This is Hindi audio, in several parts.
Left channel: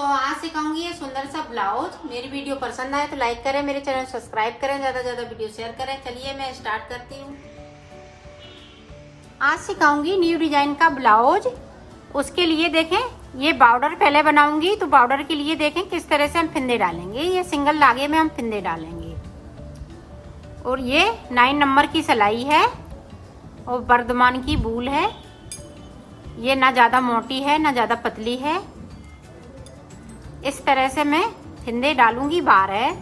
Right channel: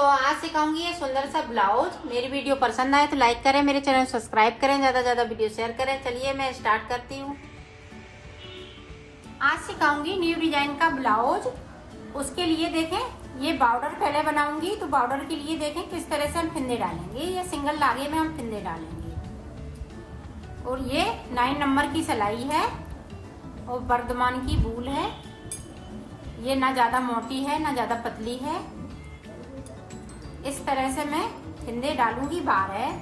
तो आज सिखाऊंगी ये सुंदर सा ब्लाउज। मेरी वीडियो पसंद आए तो लाइक करें, मेरे चैनल सब्सक्राइब करें, ज्यादा ज्यादा वीडियो शेयर करें। चलिए मैं स्टार्ट करती हूँ। आज सिखाऊंगी न्यू डिजाइन का ब्लाउज। उसके लिए देखें ये बॉर्डर पहले बनाऊंगी, तो बॉर्डर के लिए देखें किस तरह से हम फिंदे डालेंगे। ये सिंगल धागे में हम फिंदे डालेंगे और ये 9 नंबर की सिलाई है और बर्दमान की बूल है। ये ना ज्यादा मोटी है ना ज्यादा पतली है। इस तरह से मैं फिंदे डालूंगी 12,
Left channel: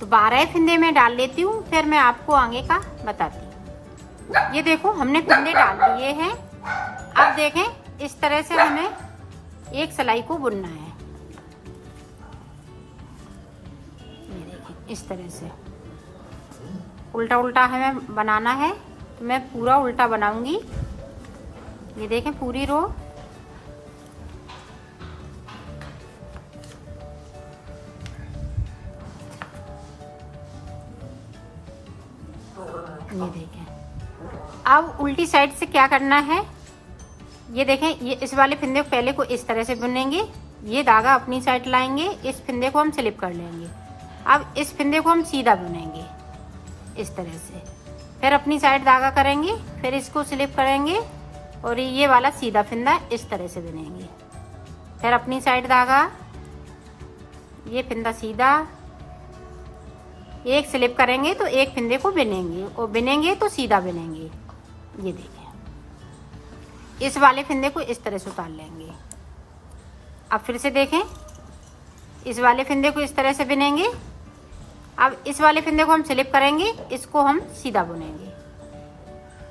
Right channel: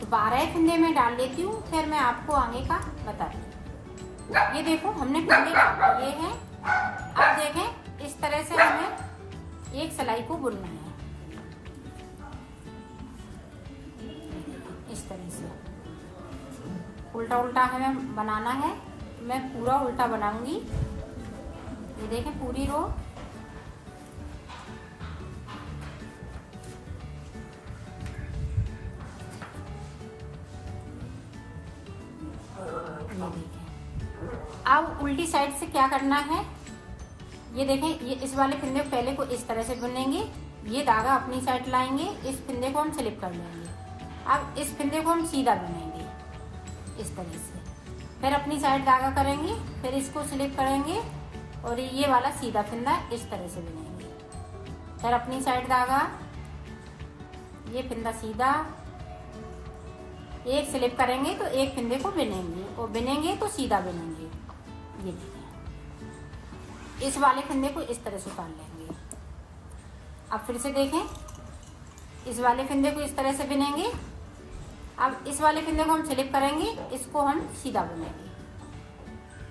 तो 12 फिंदे में डाल लेती हूँ, फिर मैं आपको आगे का बताती हूँ। ये देखो हमने फिंदे डाल दिए हैं। अब देखें इस तरह से हमें एक सिलाई को बुनना है। इस तरह से उल्टा उल्टा हमें बनाना है। मैं पूरा उल्टा बनाऊंगी। ये देखें पूरी रो। ये देखें अब उल्टी साइड से क्या करना है। ये देखें ये इस वाले फिंदे को पहले को इस तरह से बुनेंगे। ये धागा अपनी साइड लाएंगे, इस फिंदे को हम स्लिप कर लेंगे। अब इस फिंदे को हम सीधा बुनेंगे इस तरह से, फिर अपनी साइड धागा करेंगे, फिर इसको स्लिप करेंगे और ये वाला सीधा फिंदा इस तरह से बुनेंगे। फिर अपनी साइड धागा, ये फिंदा सीधा, एक स्लिप करेंगे तो एक फिंदे को बिनेंगे और बिनेंगे तो सीधा बिनेंगे। ये देखें इस वाले फिंदे को इस तरह से उतार लेंगे। अब फिर से देखें इस वाले फिंदे को इस तरह से बिनेंगे। अब इस वाले फिंदे को हम स्लिप करेंगे, इसको हम सीधा बुनेंगे।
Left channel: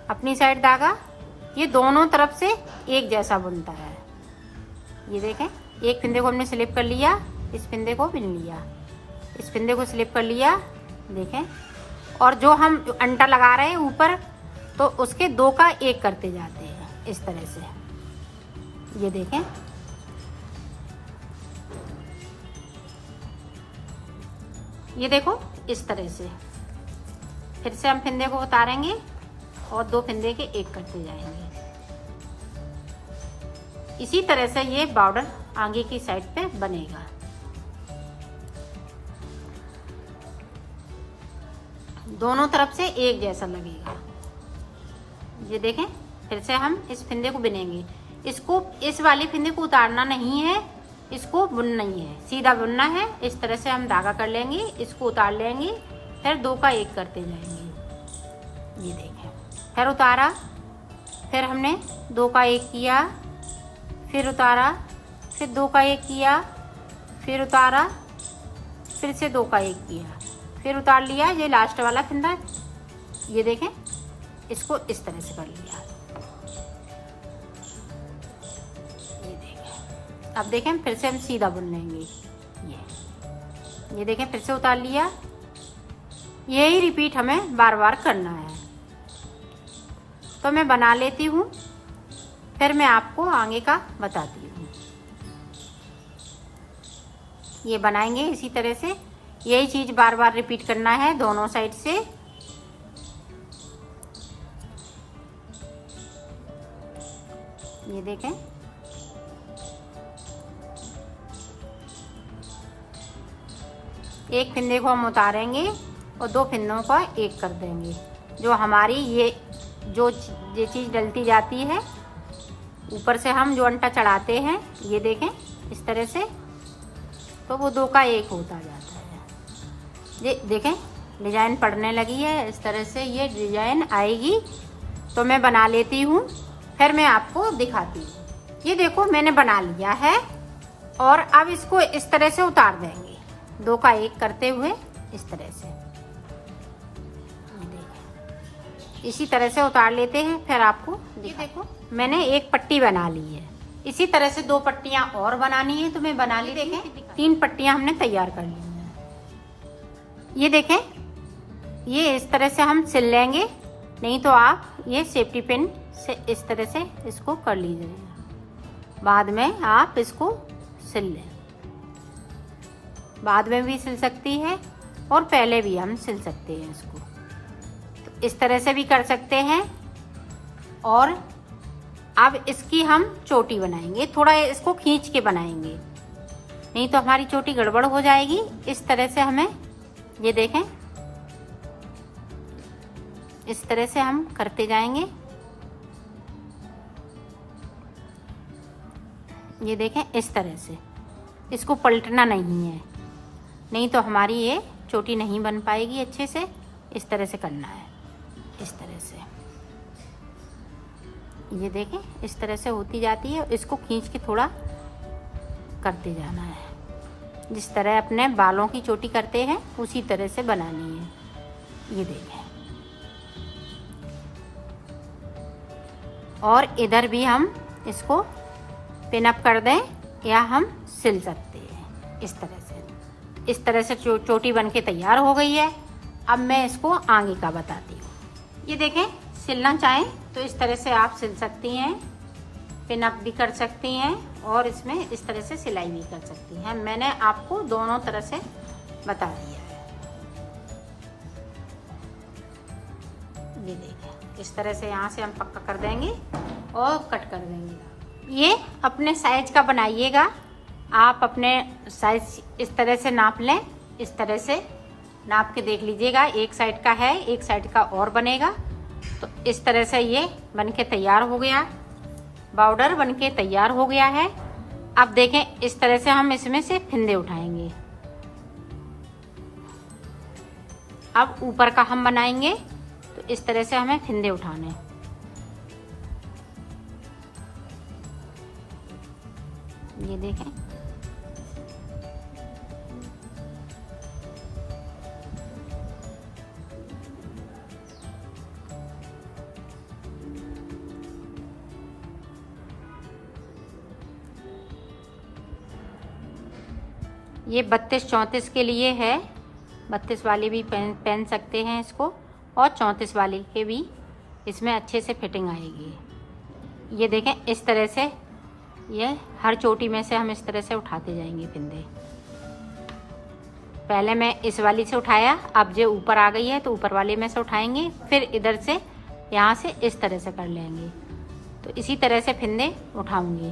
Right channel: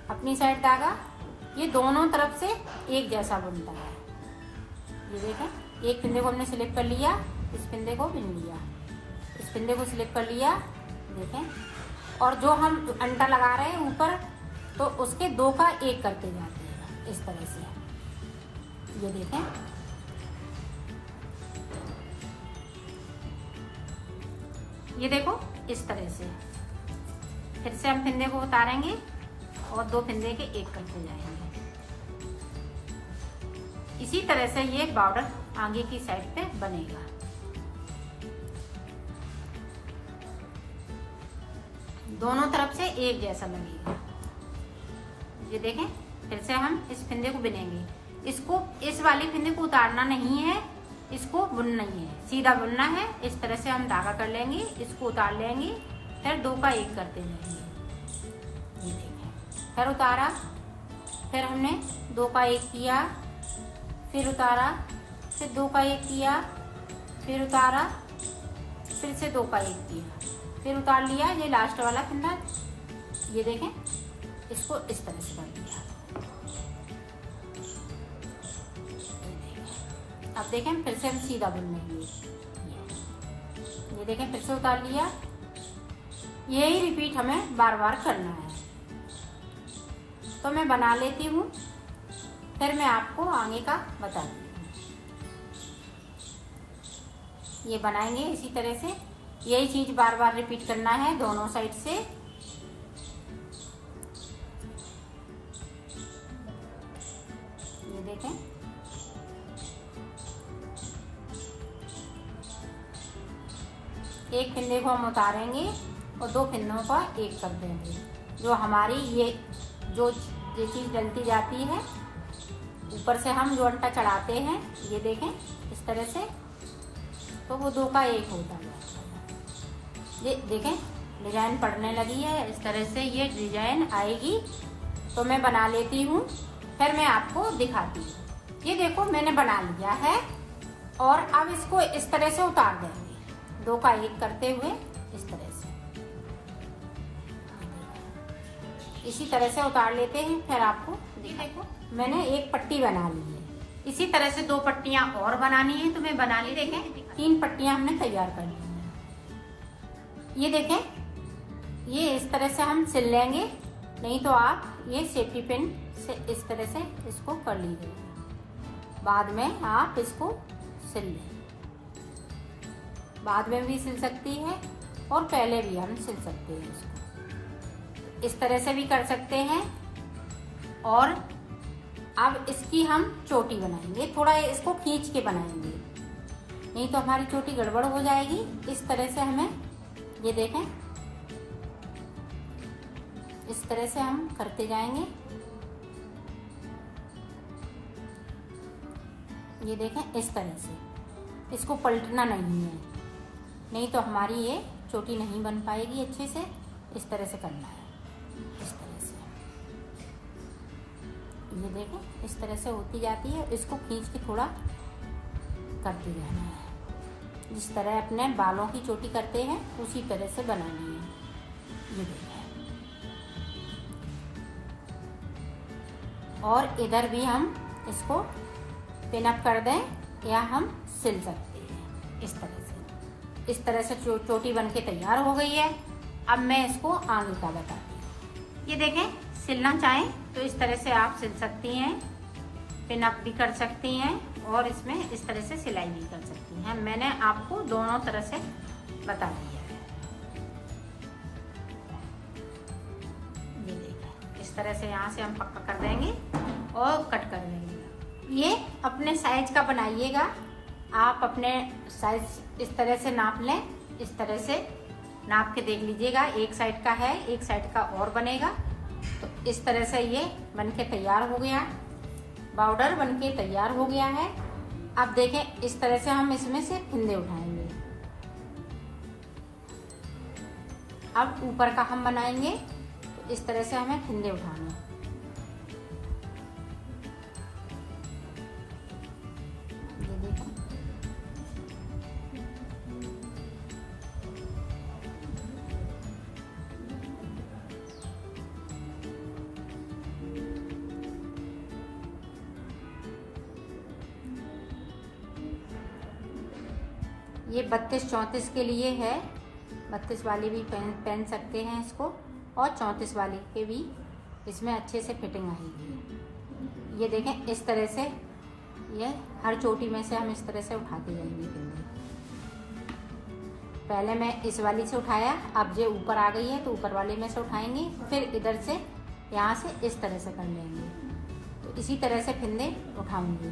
अपनी साइड धागा, ये दोनों तरफ से एक जैसा बुनता है। ये देखें एक फिंदे को हमने स्लिप कर लिया, इस फिंदे को बिन लिया, इस फिंदे को स्लिप कर लिया। देखें और जो हम अंटा लगा रहे हैं ऊपर, तो उसके 2 का 1 करते जाते हैं इस तरह से। ये देखें ये देखो इस तरह से। फिर से हम फिंदे को उतारेंगे और 2 फिंदे के 1 करते जाएंगे। इसी तरह से ये बॉर्डर आगे की साइड पे बनेगा। दोनों तरफ से एक जैसा लगेगा। ये देखें फिर से हम इस फिंदे को बिनेंगे। इसको इस वाले फिंदे को उतारना नहीं है, इसको बुनना ही है, सीधा बुनना है। इस तरह से हम धागा कर लेंगे, इसको उतार लेंगे, फिर 2 का 1 करते जाएंगे। ये देखें फिर उतारा, फिर हमने 2 का 1 किया, फिर उतारा, फिर 2 का 1 किया, फिर उतारा, फिर से 2 का 1 किया, फिर उतार लिया। ये लास्ट वाला फिंदा, ये देखें इसको इस तरह से कर लिया। अब देखें फिर से हम सीधा बुन लेंगे। ये देखें फिर से उतार लिया। यही रिपीट हमें बार बार करना है। तो मैं बना लेती हूँ, फिर मैं आपको आगे का बताती हूँ। ये बनाएंगे इसी तरह से, यही चीज बार बार रिपीट करना है दोनों साइड से। ये देखें एक फिंदे को हम उतारेंगे और 2 फिंदों का 1 कर देंगे। जो हमारी ये चीज डलती जाती है ऊपर से, हम जो अंटा चढ़ाते हैं, ये देखें इस तरह से, तो वो 2 का 1 होता जाता है। ये देखें डिजाइन पड़ने लगी है। इस तरह से ये डिजाइन आएगी। तो मैं बना लेती हूँ, फिर मैं आपको दिखाती हूँ। ये देखो मैंने बना लिया है और अब इसको इस तरह से उतार देंगे, 2 का 1 करते हुए इस तरह से। इसी तरह से उतार लेते हैं, फिर आपको देखो मैंने एक पट्टी बना ली है। इसी तरह से 2 पट्टियां और बनानी है, तो मैं बना ली। देखें 3 पट्टियां हमने तैयार कर ली हैं। ये देखें ये इस तरह से हम सिल लेंगे, नहीं तो आप ये सेफ्टी पिन से इस तरह से इसको कर लीजिएगा। बाद में आप इसको सिल लें, बाद में भी सिल सकती है और पहले भी हम सिल सकते हैं इसको। तो इस तरह से भी कर सकते हैं और अब इसकी हम चोटी बनाएंगे, थोड़ा इसको खींच के बनाएंगे, नहीं तो हमारी चोटी गड़बड़ हो जाएगी। इस तरह से हमें, ये देखें, इस तरह से हम करते जाएंगे। ये देखें, इस तरह से इसको पलटना नहीं है, नहीं तो हमारी ये चोटी नहीं बन पाएगी अच्छे से। इस तरह से करना है, इस तरह से। ये देखें, इस तरह से होती जाती है। इसको खींच के थोड़ा करते जाना है, जिस तरह अपने बालों की चोटी करते हैं उसी तरह से बनानी है। ये देखें, और इधर भी हम इसको पिन अप कर दें या हम सिल सकते हैं इस तरह से। इस तरह से चोटी बन के तैयार हो गई है। अब मैं इसको आगे का बताती हूँ। ये देखें, सिलना चाहें तो इस तरह से आप सिल सकती हैं, पिन अप भी कर सकती हैं और इसमें इस तरह से सिलाई भी कर सकती हैं। मैंने आपको दोनों तरह से बता दिया। ये देखें, इस तरह से यहाँ से हम पक्का कर देंगे और कट कर देंगे। ये अपने साइज का बनाइएगा। आप अपने साइज इस तरह से नाप लें, इस तरह से नाप के देख लीजिएगा। एक साइड का है, एक साइड का और बनेगा। तो इस तरह से ये बनके तैयार हो गया, बॉर्डर बनके तैयार हो गया है। अब देखें, इस तरह से हम इसमें से फिंदे उठाएंगे। अब ऊपर का हम बनाएंगे, तो इस तरह से हमें फिंदे उठाने हैं। ये देखें, ये 32-34 के लिए है। 32 वाले भी पहन सकते हैं इसको, और 34 वाले के भी इसमें अच्छे से फिटिंग आएगी। ये देखें, इस तरह से ये हर चोटी में से हम इस तरह से उठाते जाएंगे फिंदे। पहले मैं इस वाली से उठाया, अब जो ऊपर आ गई है तो ऊपर वाले में से उठाएंगे, फिर इधर से यहाँ से इस तरह से कर लेंगे। तो इसी तरह से फिंदे उठाऊंगी।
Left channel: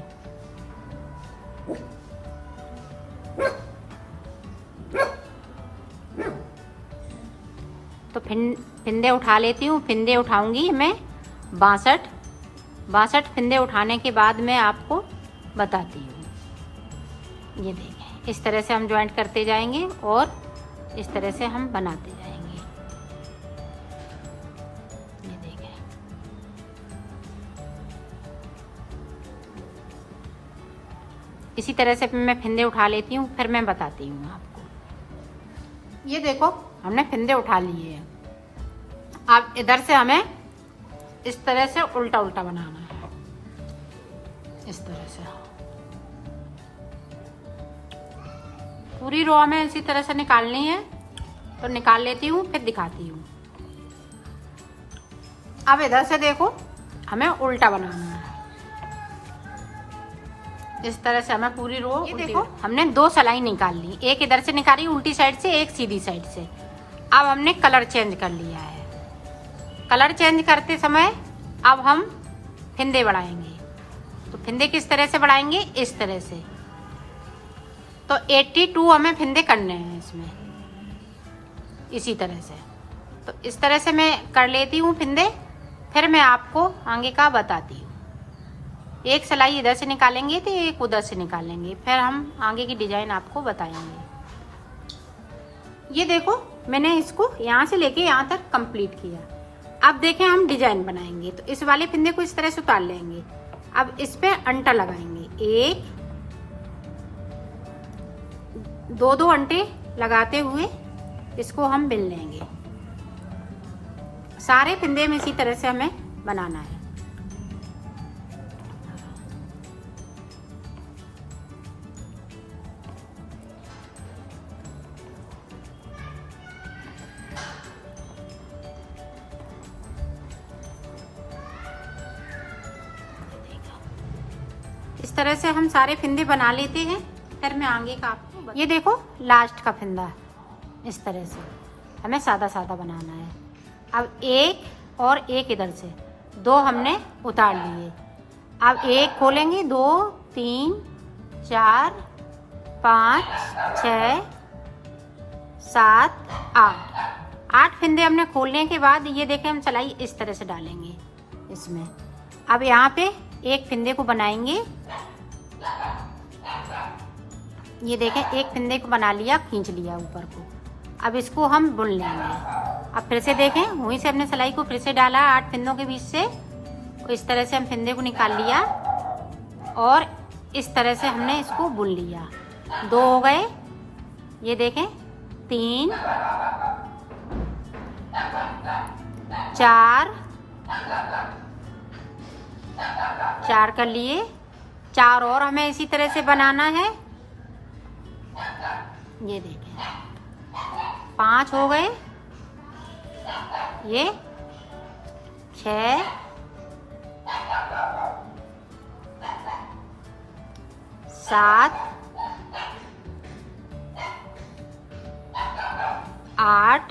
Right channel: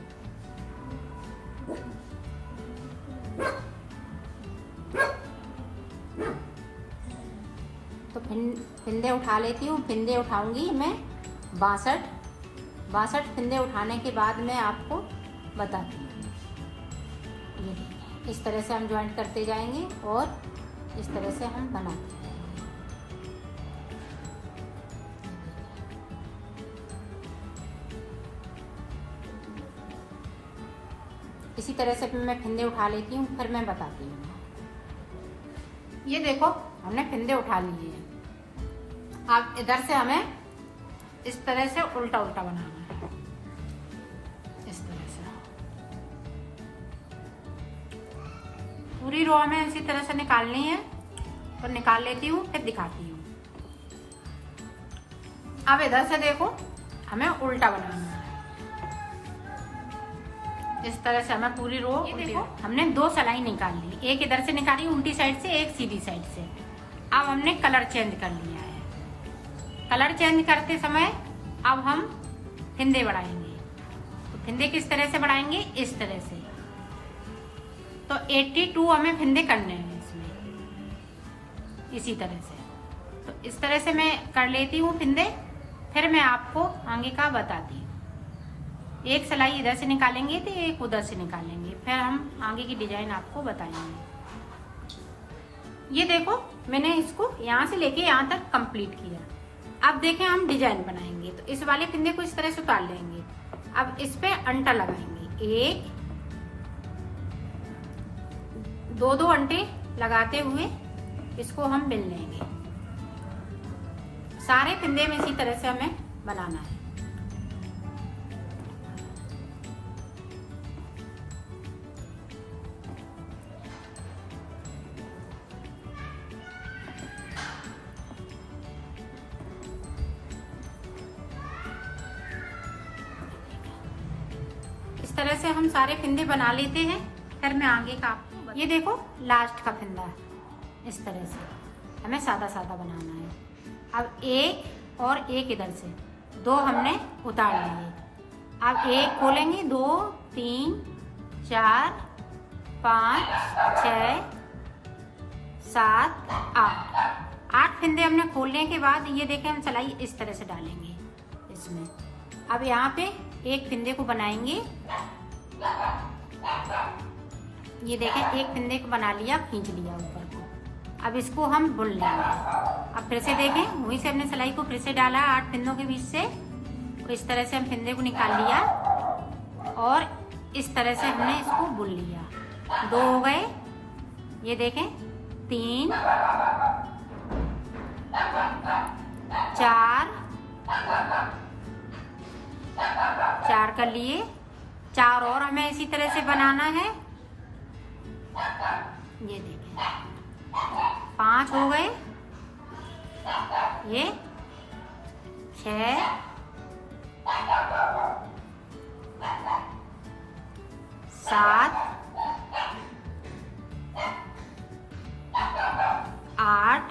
तो फिंदे उठा लेती हूँ। फिंदे उठाऊंगी मैं 62 फिंदे उठाने के बाद मैं आपको बताती हूँ। ये देखें, इस तरह से हम ज्वाइंट करते जाएंगे और इस तरह से हम बनाते जाएंगे। ये देखें, इसी तरह से मैं फिंदे उठा लेती हूँ, फिर मैं बताती हूँ आपको। ये देखो, हमने फिंदे उठा लिए हैं। अब इधर से हमें इस तरह से उल्टा उल्टा बनाना है, इस तरह से। पूरी रो हमें इसी तरह से निकालनी है, तो निकाल लेती हूँ, फिर दिखाती हूँ। अब इधर से देखो, हमें उल्टा बनाना है। इस तरह से हमें पूरी रो, ये देखो, हमने 2 सिलाई निकाल ली। एक इधर से निकाली उल्टी साइड से, एक सीधी साइड से। अब हमने कलर चेंज कर लिया है। कलर चेंज करते समय अब हम फिंदे बढ़ाएंगे। तो फिंदे किस तरह से बढ़ाएंगे? इस तरह से। तो 82 हमें फिंदे करने हैं इसमें, इसी तरह से। तो इस तरह से मैं कर लेती हूँ फिंदे, फिर मैं आपको आगे का बताती हूँ। एक सिलाई इधर से निकालेंगे तो एक उधर से निकालेंगे, फिर हम आगे की डिजाइन आपको बताएंगे। ये देखो, मैंने इसको यहाँ से लेके यहाँ तक कंप्लीट किया। अब देखें, हम डिजाइन बनाएंगे। तो इस वाले फिंदे को इस तरह से उतार लेंगे। अब इस पे अंटा लगाएंगे, 1 2 अंटे लगाते हुए इसको हम बिन लेंगे। सारे फिंदे में इसी तरह से हमें बनाना है। इस तरह से हम सारे फिंदे बना लेते हैं, फिर मैं आगे का आपको। ये देखो, लास्ट का फिंदा इस तरह से हमें सादा सादा बनाना है। अब एक और एक इधर से 2 हमने उतार लिए। अब एक खोलेंगे, 2 3 4 5 6 7 8 फंदे हमने खोलने के बाद ये देखें हम सिलाई इस तरह से डालेंगे इसमें। अब यहाँ पे एक फंदे को बनाएंगे, ये देखें एक फंदे को बना लिया, खींच लिया ऊपर को। अब इसको हम बुन लेंगे। अब फिर से देखें, वहीं से हमने सिलाई को फिर से डाला 8 फंदों के बीच से, तो इस तरह से हम फंदे को निकाल लिया और इस तरह से हमने इसको बुन लिया। 2 हो गए, ये देखें 3 4 कर लिए, 4 और हमें इसी तरह से बनाना है। ये देखें 5 हो गए, ये 6 7 8,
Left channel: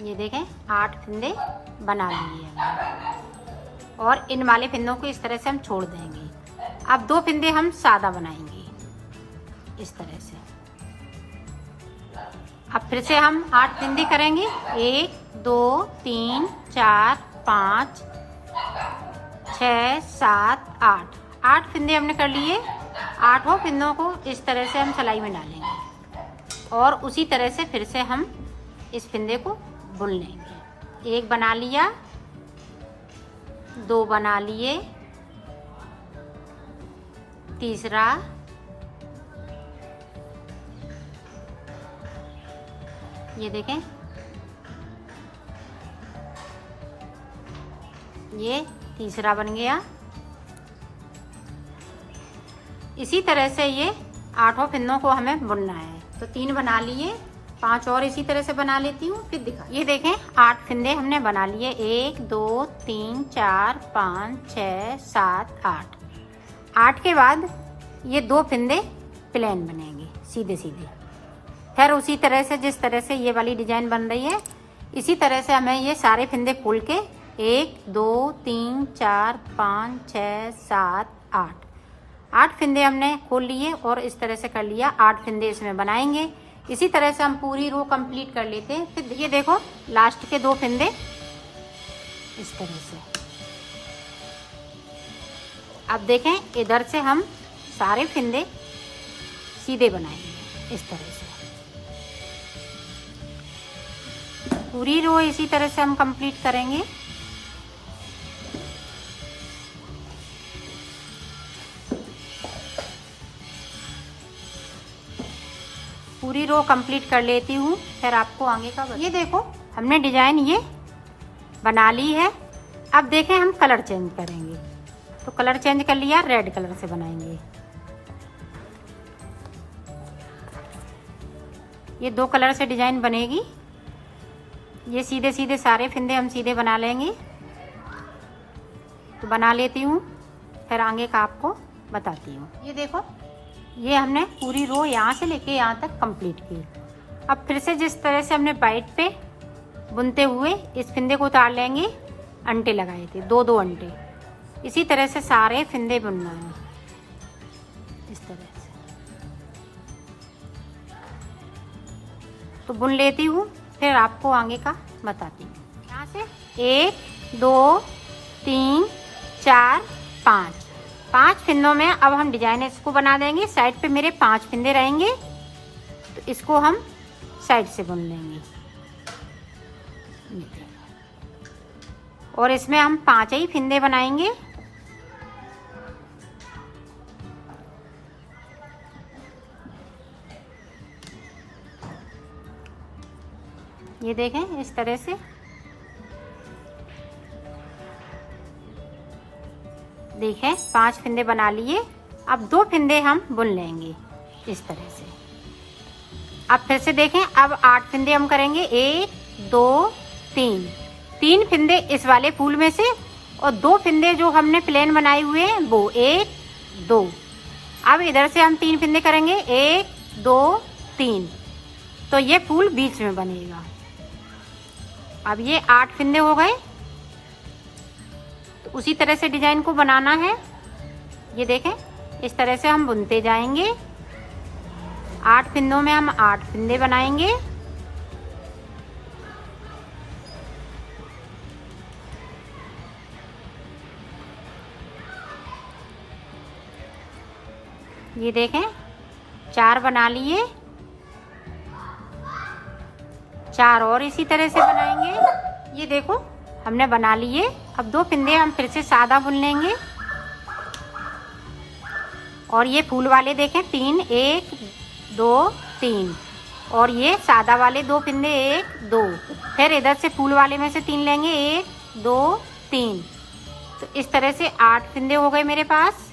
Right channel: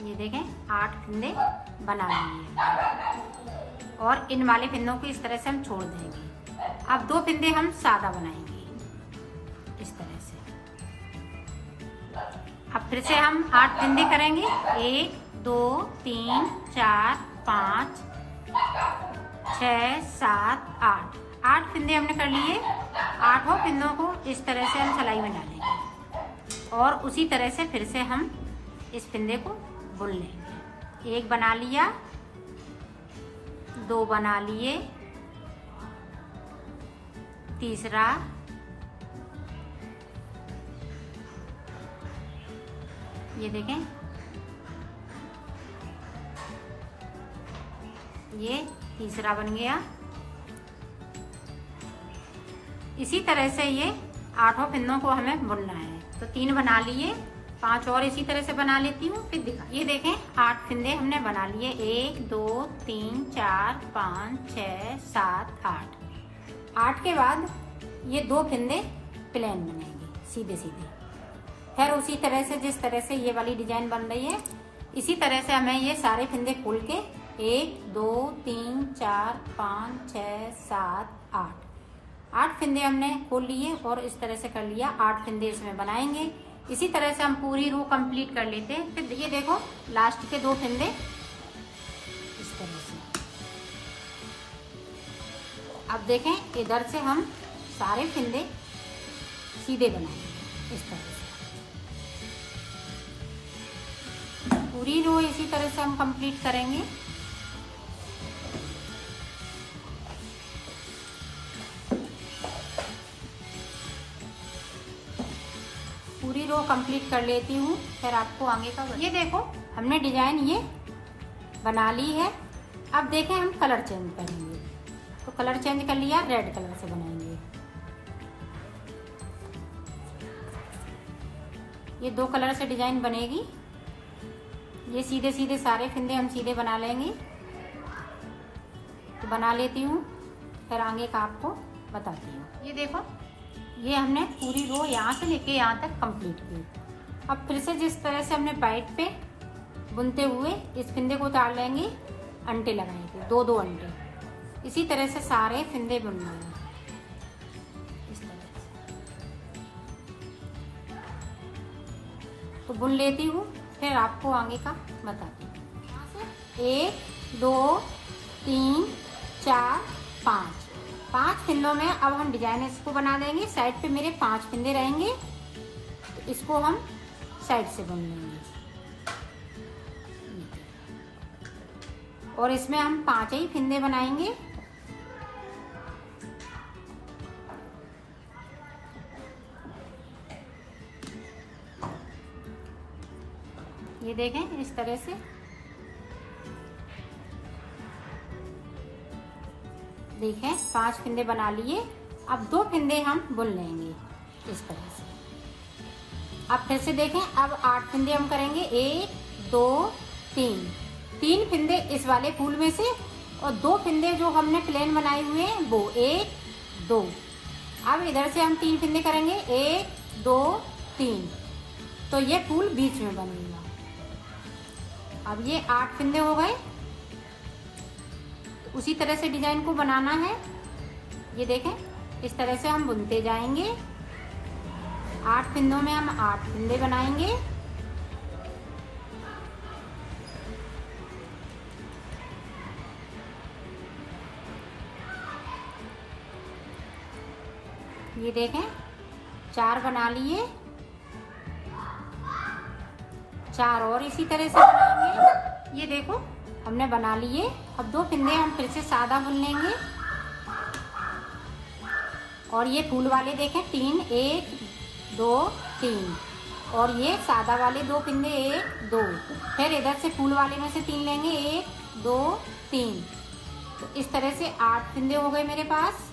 ये देखें 8 फंदे बना लिए हमने। और इन वाले फंदों को इस तरह से हम छोड़ देंगे। अब 2 फंदे हम सादा बनाएंगे इस तरह से। अब फिर से हम 8 फंदे करेंगे, 1 2 3 4 5 6 7 8 फंदे हमने कर लिए। 8 फंदों को इस तरह से हम सिलाई में डालेंगे और उसी तरह से फिर से हम इस फंदे को बुन लेंगे। 1 बना लिया, 2 बना लिए, तीसरा, ये देखें ये तीसरा बन गया। इसी तरह से ये 8 फंदों को हमें बुनना है। तो 3 बना लिए, 5 और इसी तरह से बना लेती हूँ, फिर दिखा। ये देखें 8 फंदे हमने बना लिए, 1 2 3 4 5 6 7 8 के बाद ये 2 फंदे प्लेन बनेंगे सीधे सीधे। फिर उसी तरह से जिस तरह से ये वाली डिजाइन बन रही है, इसी तरह से हमें ये सारे फंदे खोल के 1 2 3 4 5 6 7 8 फंदे हमने खोल लिए और इस तरह से कर लिया। 8 फंदे इसमें बनाएंगे। इसी तरह से हम पूरी रो कंप्लीट कर लेते हैं। फिर ये देखो लास्ट के 2 फंदे इस तरह से। अब देखें इधर से हम सारे फंदे सीधे बनाएंगे इस तरह से। पूरी रो इसी तरह से हम कंप्लीट करेंगे। पूरी रो कंप्लीट कर लेती हूँ, फिर आपको आगे का। ये देखो हमने डिजाइन ये बना ली है। अब देखें हम कलर चेंज करेंगे, तो कलर चेंज कर लिया, रेड कलर से बनाएंगे। ये 2 कलर से डिजाइन बनेगी। ये सीधे सीधे सारे फंदे हम सीधे बना लेंगे। तो बना लेती हूँ, फिर आगे का आपको बताती हूँ। ये देखो ये हमने पूरी रो यहाँ से लेके यहाँ तक कंप्लीट की। अब फिर से जिस तरह से हमने बाइट पे बुनते हुए इस फंदे को उतार लेंगे, अंटे लगाए थे 2 अंटे, इसी तरह से सारे फंदे बुनना है इस तरह से। तो बुन लेती हूँ, फिर आपको आगे का बताती हूँ। यहाँ से 1 2 3 4 5 फंदों में अब हम डिजाइन इसको बना देंगे। साइड पे मेरे 5 फंदे रहेंगे, तो इसको हम साइड से बुन लेंगे और इसमें हम 5 ही फंदे बनाएंगे। ये देखें इस तरह से। देखें 5 फंदे बना लिए। अब 2 फंदे हम बुन लेंगे इस तरह से। अब फिर से देखें, अब 8 फंदे हम करेंगे, 1 2 3 फंदे इस वाले फूल में से और 2 फंदे जो हमने प्लेन बनाए हुए हैं वो 1 2। अब इधर से हम 3 फंदे करेंगे, 1 2 3, तो ये फूल बीच में बनेगा। अब ये 8 फंदे हो गए। तो उसी तरह से डिजाइन को बनाना है। ये देखें, इस तरह से हम बुनते जाएंगे। 8 फिंदों में हम 8 फिंदे बनाएंगे। ये देखें, 4 बना लिए, 4 और इसी तरह से बनाएंगे। ये देखो हमने बना लिए। अब 2 फिंदे हम फिर से सादा बुन लेंगे। और ये फूल वाले देखें 3, 1 2 3, और ये सादा वाले 2 फिंदे 1 2, फिर इधर से फूल वाले में से 3 लेंगे, 1 2 3। तो इस तरह से 8 फिंदे हो गए मेरे पास।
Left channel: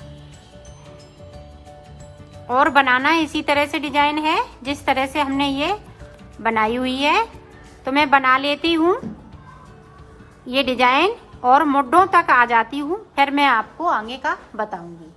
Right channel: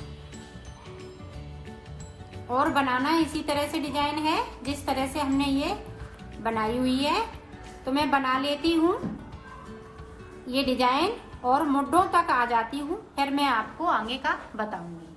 और बनाना इसी तरह से डिजाइन है जिस तरह से हमने ये बनाई हुई है। तो मैं बना लेती हूँ ये डिजाइन और मुड्ढों तक आ जाती हूँ, फिर मैं आपको आगे का बताऊंगी।